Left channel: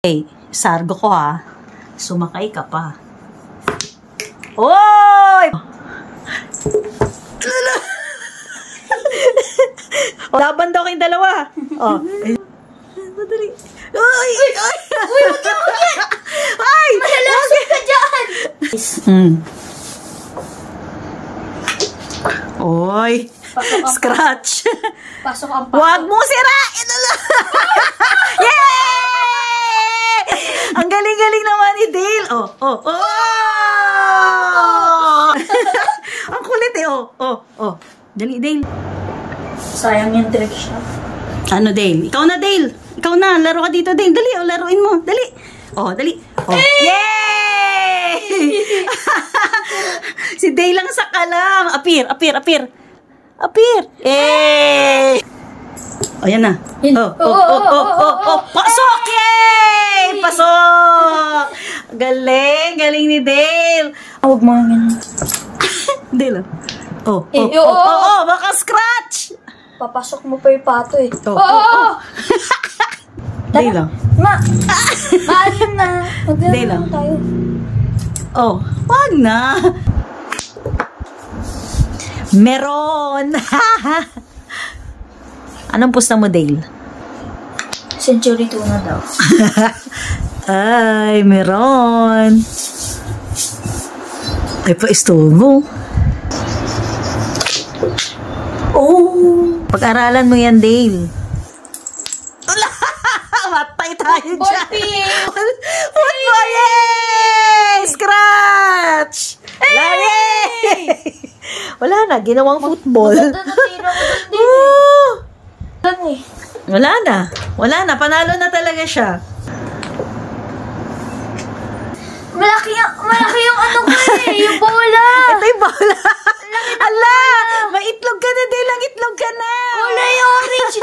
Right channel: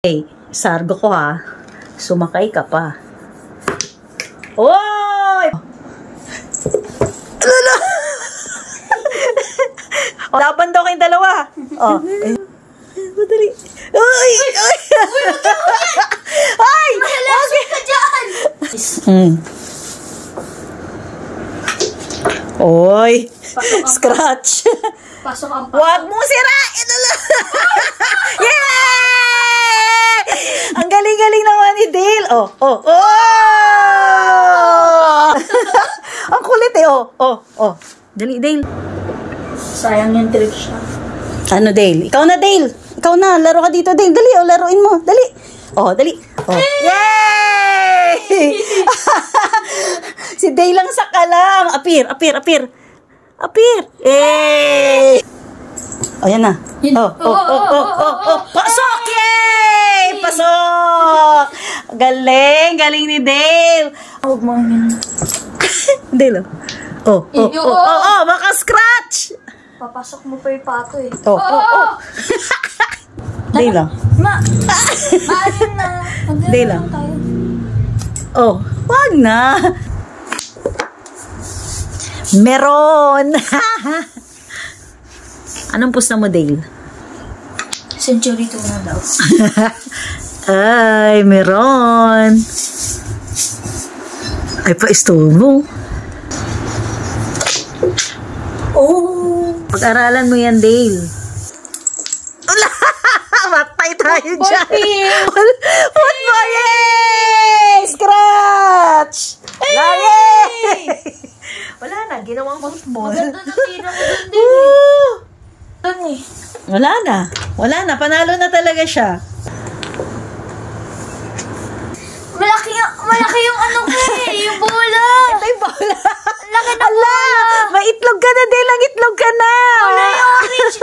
Hey, sargo ko ha. Sumakay ka pa. Oy! Lala! Laban daw kayong dalawa. Oh. Madali. Uy! Uy! Ay! Malasok ka dyan! Oy! Scratch! Pasok ang Wag mo sirain! Yay! Ang galing-galing naman ni Dale. Oh, oh, oh! Ang kulit eh. Oh, oh, oh. Dali, Dale. sayang yung direction. Ano, Dale? Ikaw na, Dale. Ikaw na. Laro ka dito, Dale. Dali, oh, laruin mo. Dali. Oh, dali. Oh. Yay! Si Dale lang saka lang. Appear, appear, appear. Appear. Yay! Oh, yan na. Oh, oh, oh, oh, oh, oh. Pasok! Yay! Pasok! Galing, galing ni Dale. Huwag mo yun. Dale, oh. Oh, oh, oh, oh, oh, baka scratch. Papasok mo pa yung pato eh. Oh, oh, oh. Dale lang. Ma! Maalin na. Dale lang. Oh, wag na. Meron. Anong pusta mo, Dale? Century 2 na daw. Ay, meron. Ay, pa-stone mo. Oh! Pag-aralan mo yan, Dale. Matay tayo dyan. Football! Yay! Scratch! Yay! Wala na, ginawang football. Wala na. Wala na, panalo na talaga siya. Malaki yung ano ko eh, yung bola. Ito yung bola. Laki na ala, may itlog ka na, Dale. Ang itlog ka na. Wala yung orange.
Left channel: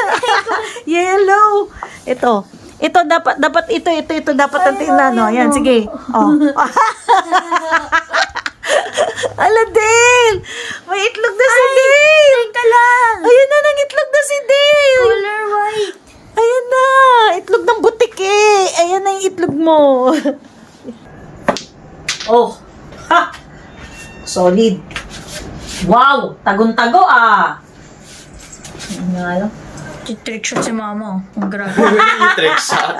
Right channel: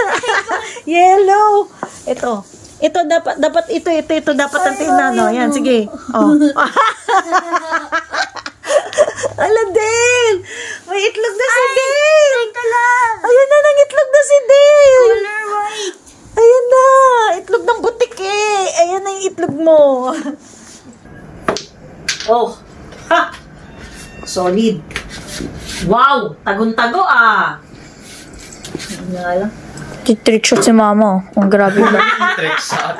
Yellow. Ito dapat ito dapat ang tinano. Yan, sige. Oh. Ala, Dale. May itlog na si Dale. Ayan na, itlog na si Dale. Ayan na, itlog ng butik eh. Ayan na yung itlog mo. Oh. Ha. Solid. Wow, tagon-tago ah. Trick shot si mama. Ang grabe. Trick shot.